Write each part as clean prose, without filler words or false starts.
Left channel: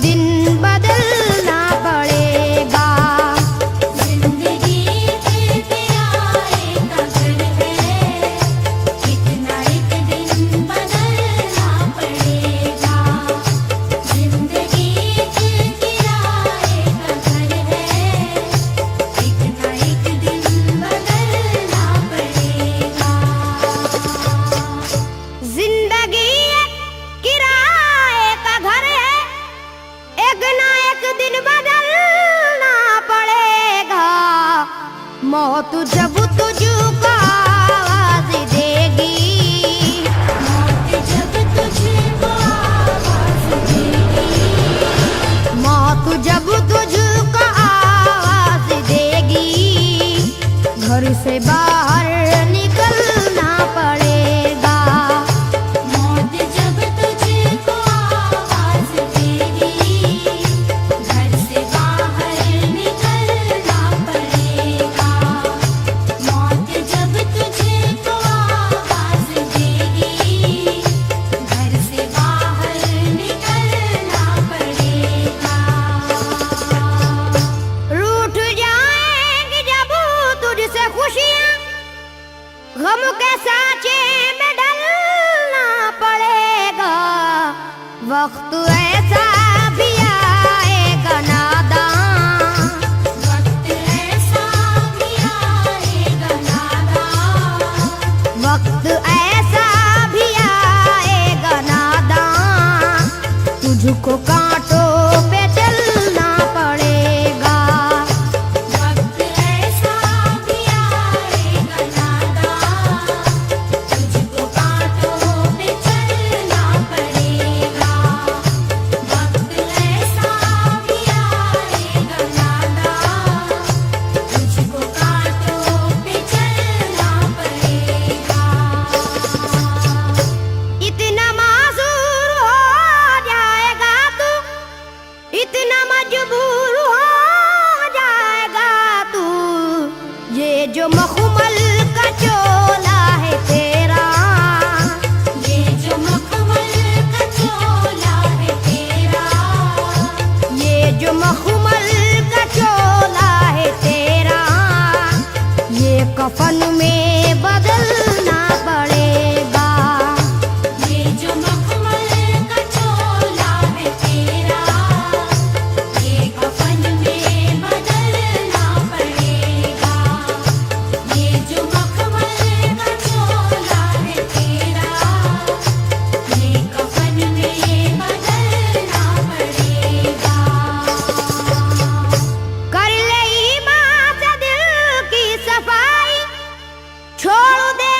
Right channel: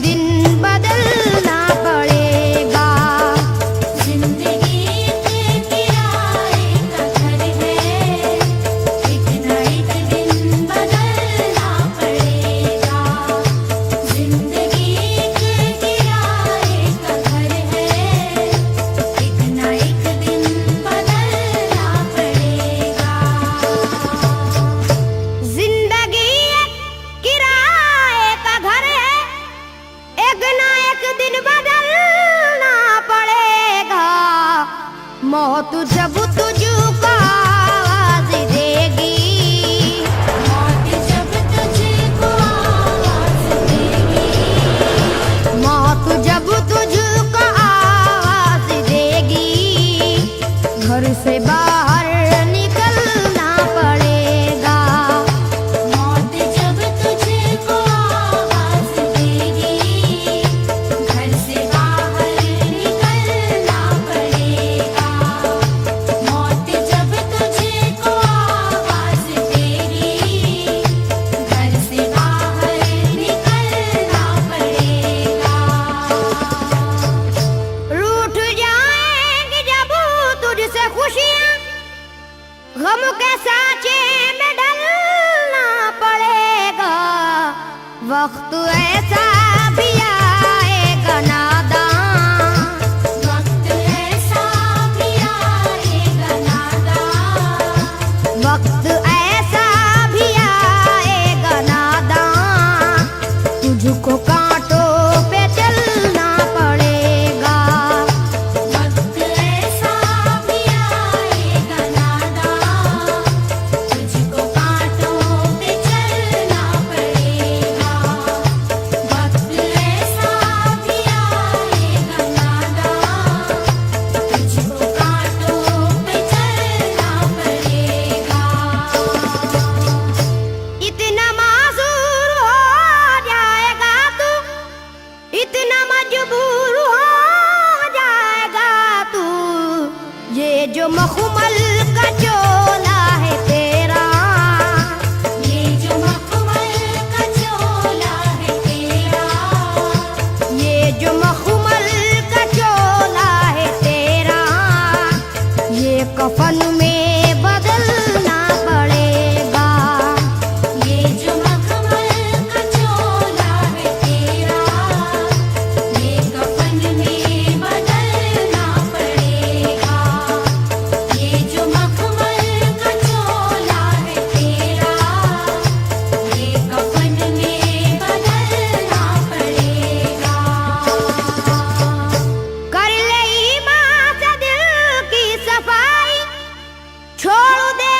दिन बदलना पड़ेगा। जिंदगी के किराए का घर है, इतना एक दिन बदलना पड़ेगा। जिंदगी के किराए का घर है, इतना एक दिन बदलना पड़ेगा। जिंदगी एक किराए का घर है, एक ना एक दिन बदलना पड़ेगा। मौत जब तुझको आवाज देगी, जब तुझको आवाज देगी, मौत जब तुझको आवाज देगी, घर से बाहर निकलना पड़ेगा। मौत जब तुझको आवाज देगी, घर से बाहर निकलना पड़ेगा। मौत जब तुझको आवाज देगी, घर से बाहर निकलना पड़ेगा। रूठ जाएंगी जब तुझसे खुशियां, गम के साँचे में ढलना पड़ेगा। वक्त ऐसा भी आएगा नादान, वक्त ऐसा भी आएगा नादान, वक्त ऐसा भी आएगा नादान, तुझको कांटों पे चलना पड़ेगा। वक्त ऐसा भी आएगा नादान, तुझको कांटों पे चलना पड़ेगा। वक्त ऐसा भी आएगा नादान, तुझको कांटों पे चलना पड़ेगा। इतना मासूर हो जाएगा तू, इतना मजबूर हो जाएगा तू, ये जो मखमल का चोला है तेरा, ये जो मखमल का चोला है तेरा, ये जो मखमल का चोला है तेरा, ये कफन में बदलना पड़ेगा। ये जो मखमल का चोला है तेरा, ये कफन में बदलना पड़ेगा। ये जो मखमल का चोला है तेरा, ये कफन में बदलना पड़ेगा। कर ले ईमान से दिल की सफाई, छोड़ दे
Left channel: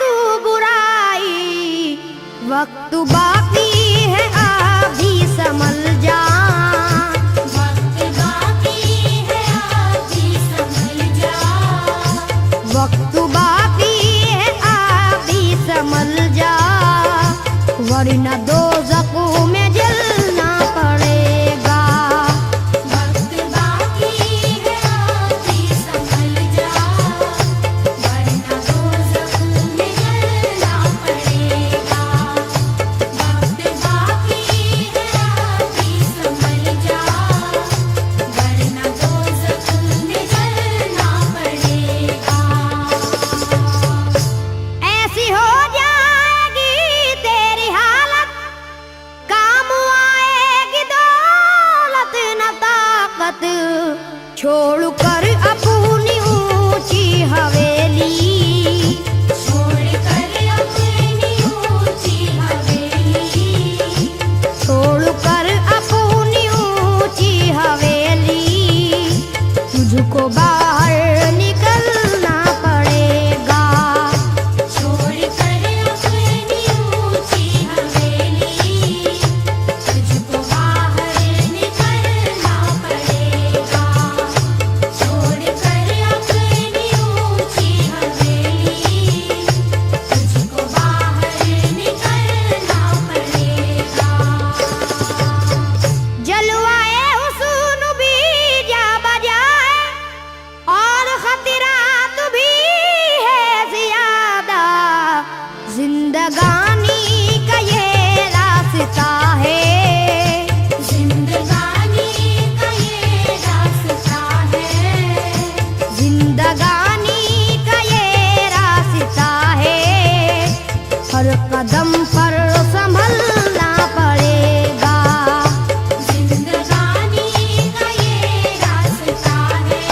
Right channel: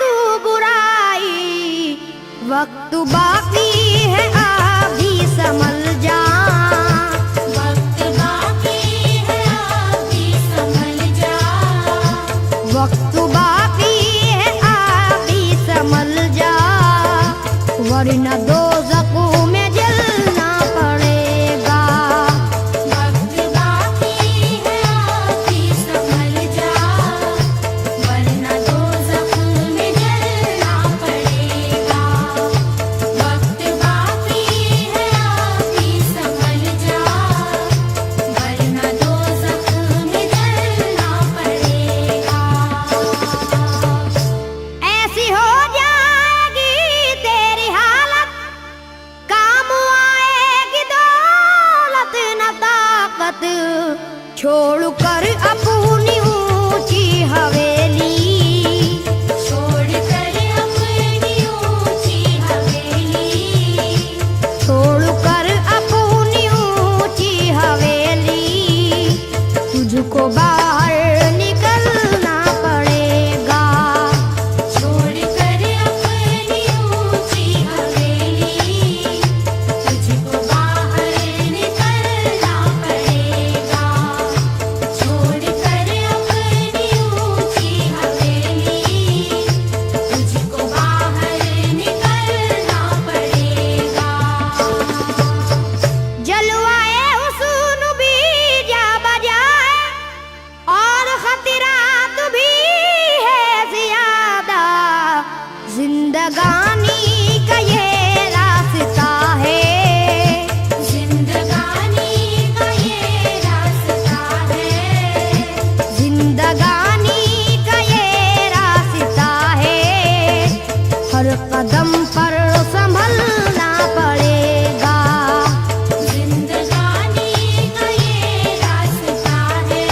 तू बुराई। वक्त बाकी है अभी संभल जा, वक्त बाकी है अभी संभल जा, वक्त बाकी है अभी संभल जा, वरना दोज़ख में जलना पड़ेगा। वक्त बाकी है अभी संभल जा, वरना दोज़ख में जलना पड़ेगा। वक्त बाकी है अभी संभल जा, वरना दोज़ख में जलना पड़ेगा। ऐसी हो जाएगी तेरी हालत, काम आएगी दौलत न ताकत, छोड़ कर अपनी ऊंची हवेली, छोड़ कर अपनी ऊंची हवेली, छोड़ कर अपनी ऊंची हवेली, तुझको बाहर निकलना पड़ेगा। छोड़ कर अपनी ऊंची हवेली, तुझको बाहर निकलना पड़ेगा। छोड़ कर अपनी ऊंची हवेली, तुझको बाहर निकलना पड़ेगा। जलवाए हुस्न भी जा बजाए, और खतरा जिंदगानी का ये रास्ता है, हर कदम पर संभलना पड़ेगा। जिंदगानी का ये रास्ता है,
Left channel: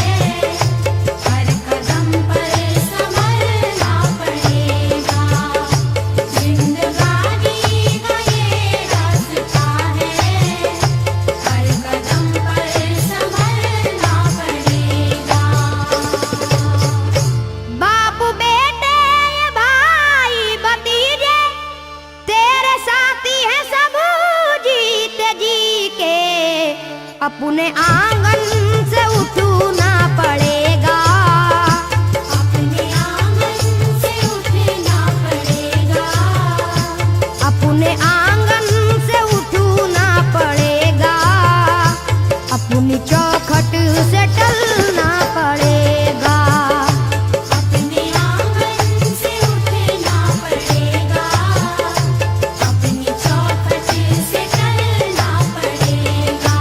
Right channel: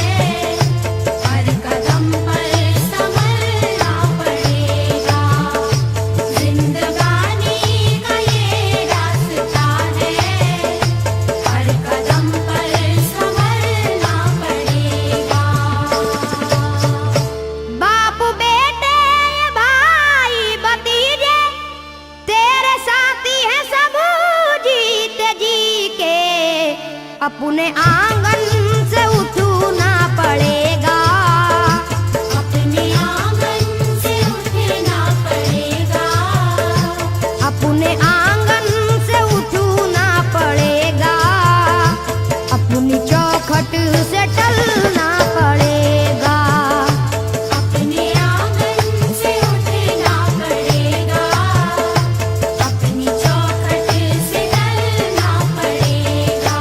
हर कदम पर संभलना पड़ेगा। जिंदगानी का ये रास्ता है, हर कदम पर संभलना पड़ेगा। बाप बेटे भाई भतीजे तेरे साथी हैं सब जीते जी के, अपने आंगन से उठना पड़ेगा। अपने आंगन से उठना पड़ेगा। अपने आंगन से उठना पड़ेगा, अपनी चौखट से टलना पड़ेगा। अपने आंगन से उठना पड़ेगा, अपनी चौखट से टलना पड़ेगा।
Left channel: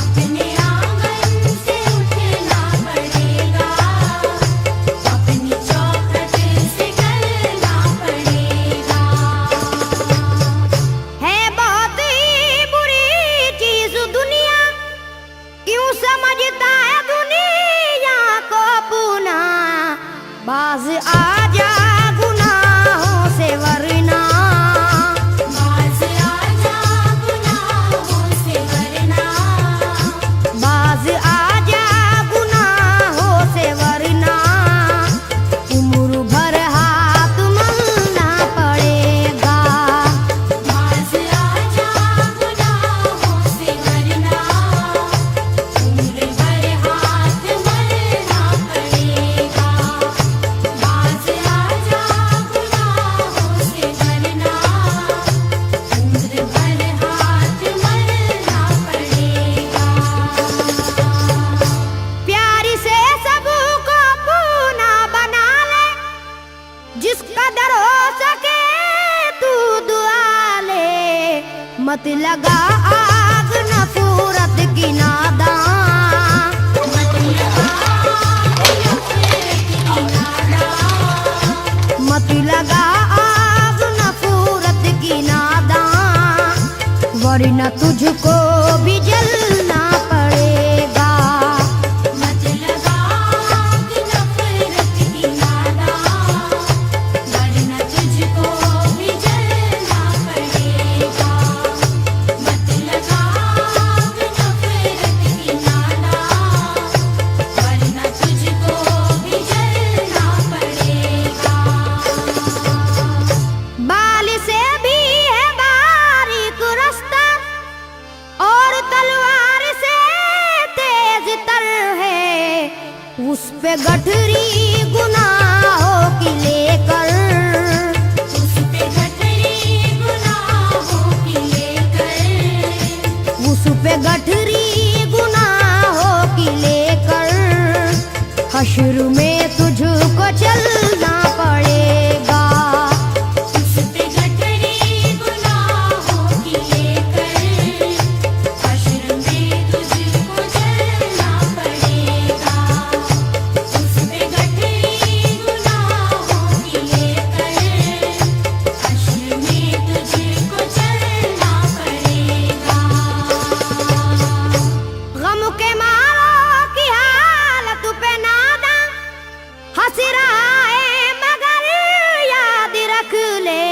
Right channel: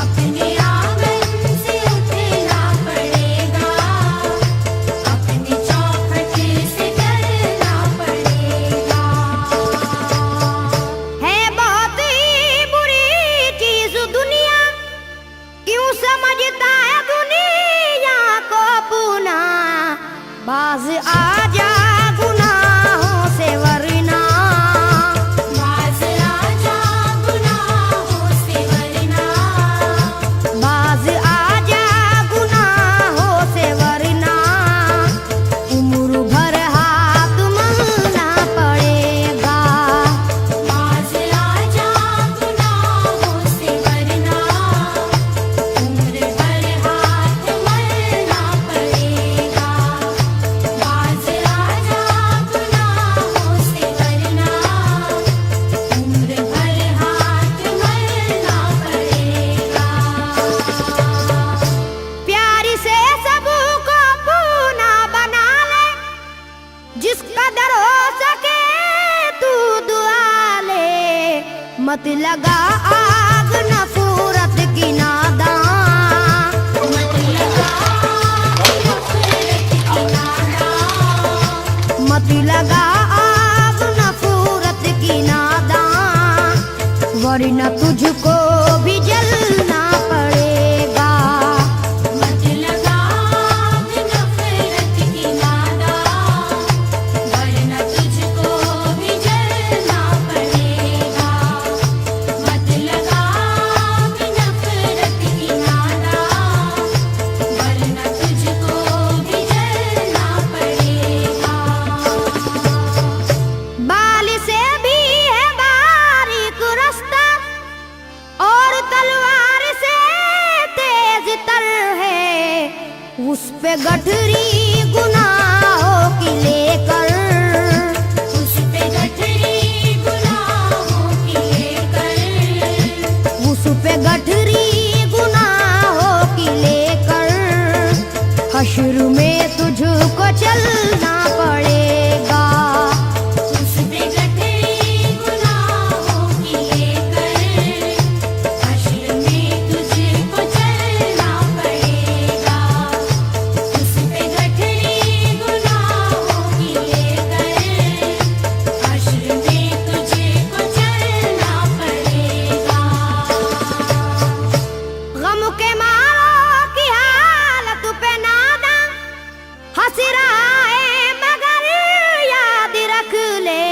अपने आंगन से उठना पड़ेगा, अपनी चौखट से टलना पड़ेगा। है बहुत ही बुरी चीज दुनिया, क्यों समझता है दुनिया को अपना। बाज आजा गुनाहों से वरना, बाज आजा गुनाहों से वरना। बाज आजा गुनाहों से वरना, उम्र भर हाथ मलना पड़ेगा। बाज आजा गुनाहों से वरना, उम्र भर हाथ मलना पड़ेगा। बाज आजा गुनाहों से वरना, उम्र भर हाथ मलना पड़ेगा। प्यार से सबको अपना बना ले, जिस कदर हो सके तू दुआ ले। मत लगा आग नफरत की नादान, मत लगा आग नफरत की नादान, वरना तुझको भी जलना पड़ेगा। मत लगा आग नफरत की नादान, वरना तुझको भी जलना पड़ेगा। मत लगा आग नफरत की नादान, वरना तुझको भी जलना पड़ेगा। बाल से भी है बारीक रास्ता, और तलवार से तेज तर है। उस पे गठरी गुनाहों की लेकर, उस पे गठरी गुनाहों की लेकर, उस पे गठरी गुनाहों की लेकर, हश्र में तुझको चलना पड़ेगा। उस पे गठरी गुनाहों की लेकर, हश्र में तुझको चलना पड़ेगा। उस पे गठरी गुनाहों की लेकर, हश्र में तुझको चलना पड़ेगा। गम के मारों की हालत पे नादा हंस रहा है, मगर याद रख ले,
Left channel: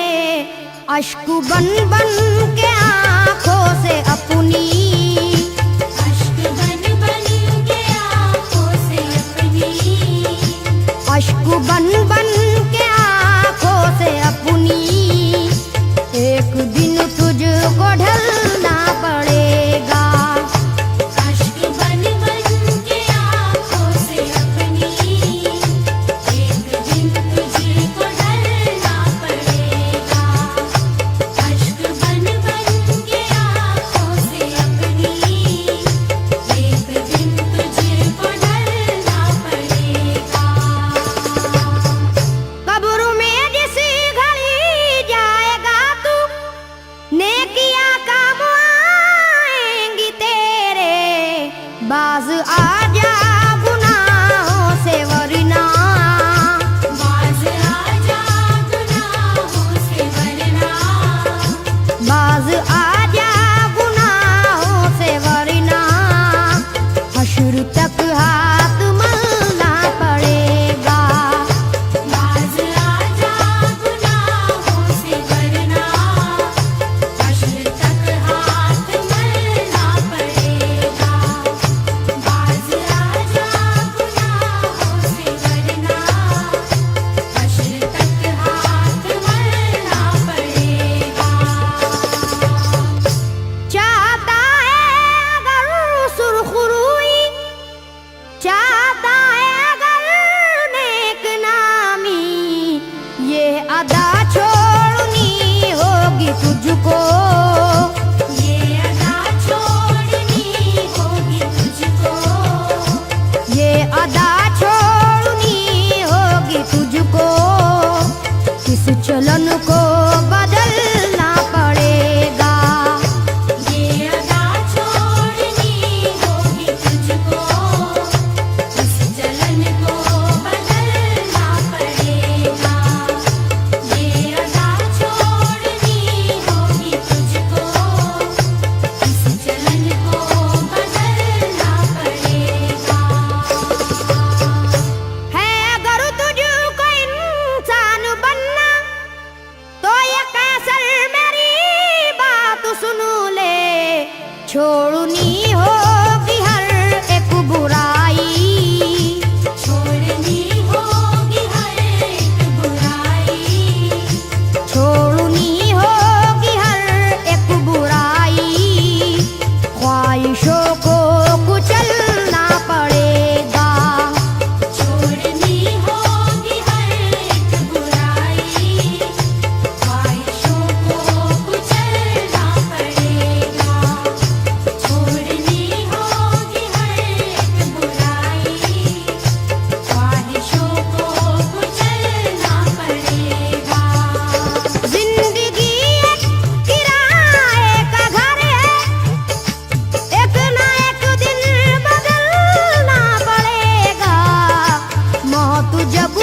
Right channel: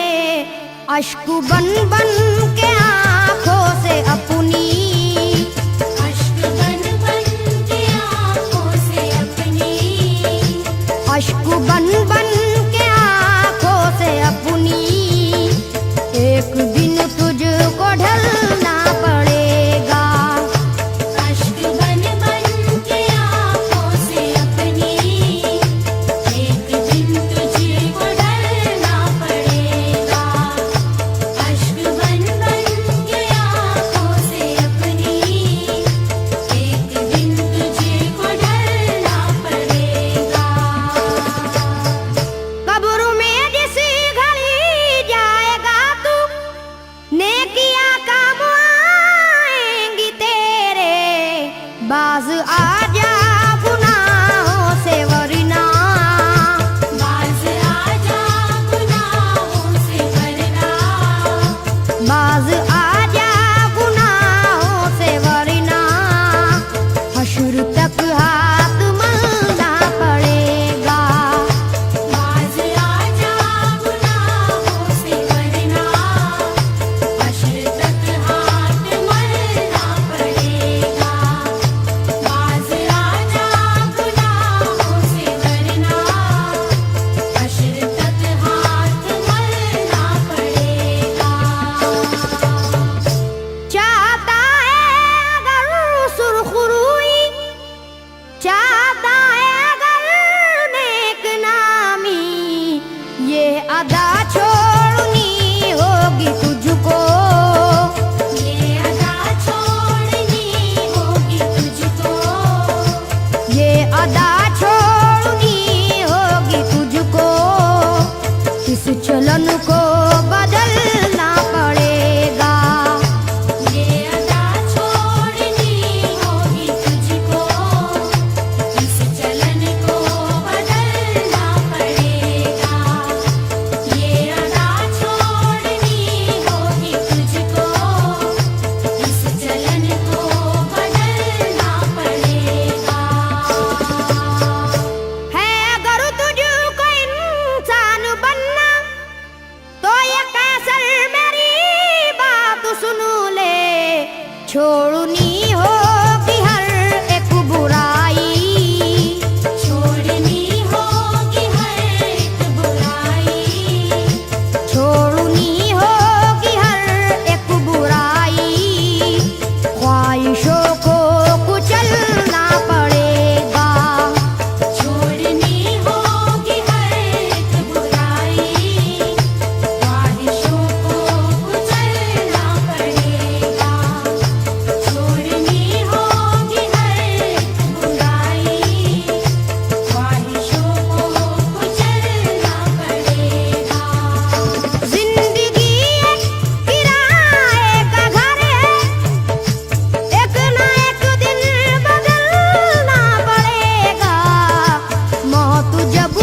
अश्क बन बन के आंखों से अपनी, अश्क बन बन के आँखों से अपनी, अश्क बन बन के आंखों से अपनी, एक दिन तुझको ढलना पड़ेगा। अश्क बन बन के आँखों से अपनी, एक दिन तुझको डरना पड़ेगा। अश्क बन बन के आँखों से अपनी, एक दिन तुझको डरना पड़ेगा। कब्र में जिस घड़ी जाएगा तू, नेकिया का मुआ चलन को बदलना पड़ेगा। ये अदा छोड़नी होगी तुझको, इस चलन को बदलना पड़ेगा। ये अदा छोड़नी होगी तुझको, इस चलन को बदलना पड़ेगा। है अगर तुझको इंसान बनना तो ये कैसर मेरी बात सुन ले। छोड़नी होगी हर एक बुराई, छोड़नी होगी हर एक बुराई, छोड़नी होगी हर एक बुराई। ख्वाहिशों को कुचलना पड़ेगा। छोड़नी होगी हर एक बुराई, ख्वाहिशों को कुचलना पड़ेगा। छोड़नी होगी हर एक बुराई, ख्वाहिशों को कुचलना पड़ेगा। जिंदगी एक किराए का घर है, एक ना एक दिन बदलना पड़ेगा। मौत जब